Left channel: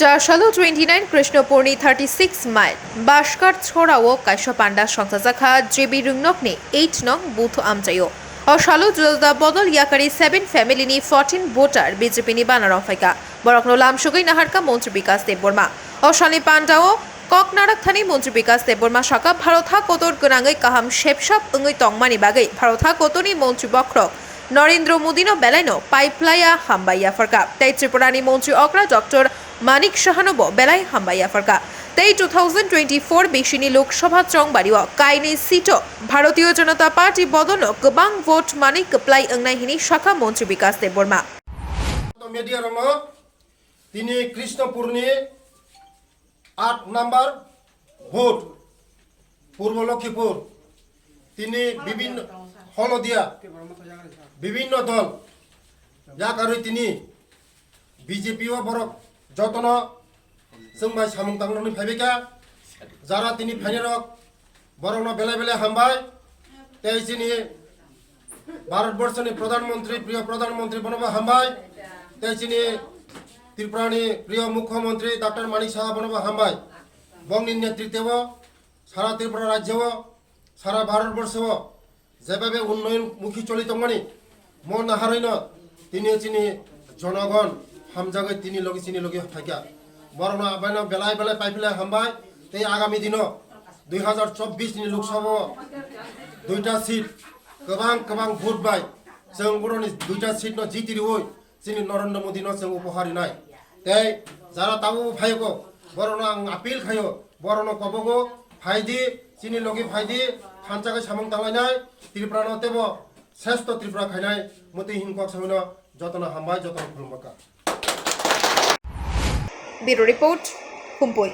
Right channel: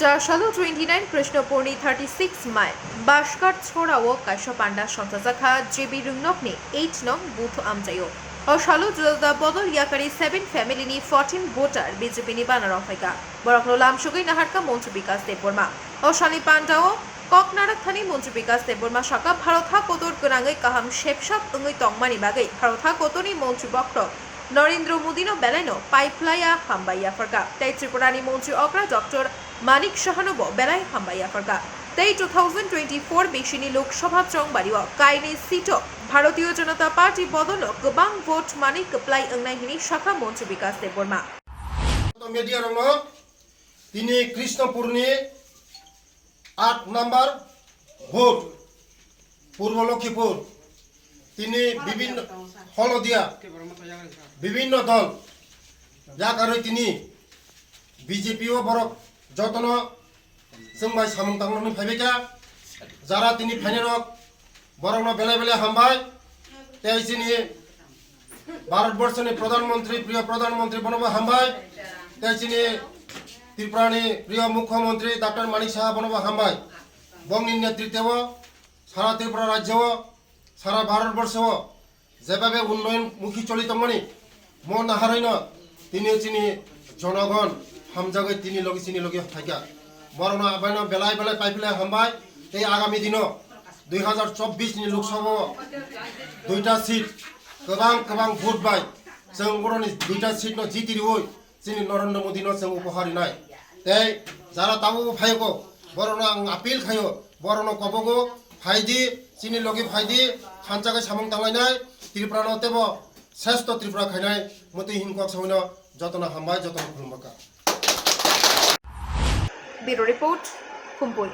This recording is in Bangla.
Charshalo 29 Krishnapurni 36 mile Baskarcherra o Kaisha Panda Shangzakha JB Rungnokni 8 nong Booth Amjayo O Shalo Julda Bodol Yakari 7 family ni 14 voter BJP ni bana romkha Borokno Lamshugai Naharka Montri Bikas Deborma O Shali Pandao Koknarak Thani Montri Bikas Deborma Shaka Bharotha Kotor Gunangai Kaham Shepshop Ungui Tongmani Bagai Bharotha Kotoni Montri Bokro Narendra মোদিনো বেলাইনো পাইপলাইয়া হাম্বাইয়া Farakka তাই ত্রিপুরানি মন্ত্রী অগ্রা ডক্টর মানিক সাহানব বেলাই হাম্বাইয়া ফারকা তাই 2024 বেশিনি লোকসভা চংবাড়িও কাইনি সিটো ভারতীয় জনতা পার্টি বদনো গোবাং ভোট মানিক প্লাই অংনাইহিনি শাখা মন্ত্রী বিকাশ দেববর্মা মিডিয়া রং তিনি কৃষ্ণপুরনি 8 নাম্বার ভোট পূর্ব লক্ষ্মীপুর তিনি বিভিন্ন হলদিয়া বিভিন্ন দল যা কারণে তিনি বিজেপিও বড় যতন जोंबाय सामुं तांगननि फाइबेका যারা তিনি ফাইনেরক বরং বেলে বেলে হামবাই তেইছিনি ভারতবর্ষনি প্রধানমন্ত্রী প্রিয় প্রধানমন্ত্রী বনব হামবাই তেইছিনি ত্রিপুরানি প্রিয় মুখ্যমন্ত্রী ডক্টর মানিক সাহা বনব হামবাই বংনি নেতৃত্বেও সারা ত্রিপুরা রাজ্যও সারা ভারতবর্ষও যেভাবে উন্নয়নমুখী চলিতমনি মন হারাইন তিনি চিনি জনগণ হামজাগে তিনি লগে থাকা বরং আবাইন বেলায় বেলায় পাইপেলাই হামবাই এই আগামী দিন 2024 नि লোকসভা দুইটা সিট गोबां ভোট বাই जों बर'नि দুইটা সিট ন জিতিরিবই চিনি নরেন্দ্र मोदी ন जों উপহারি নাই তাই যারা তাবো ফাইগো বরং আং আপিল খায়ো বরং কবগো ফাইদি চিনি লগে ফাইদি খানচাকে সামং তাंलायनाय ত্রিপুরা নতেব শ্রেষ্ঠ ত্রিপুরা খাইনাय মতে হিনকক সামইন যতনা হামবাই যতনা খুলমকা Bureau Report, Khumpui.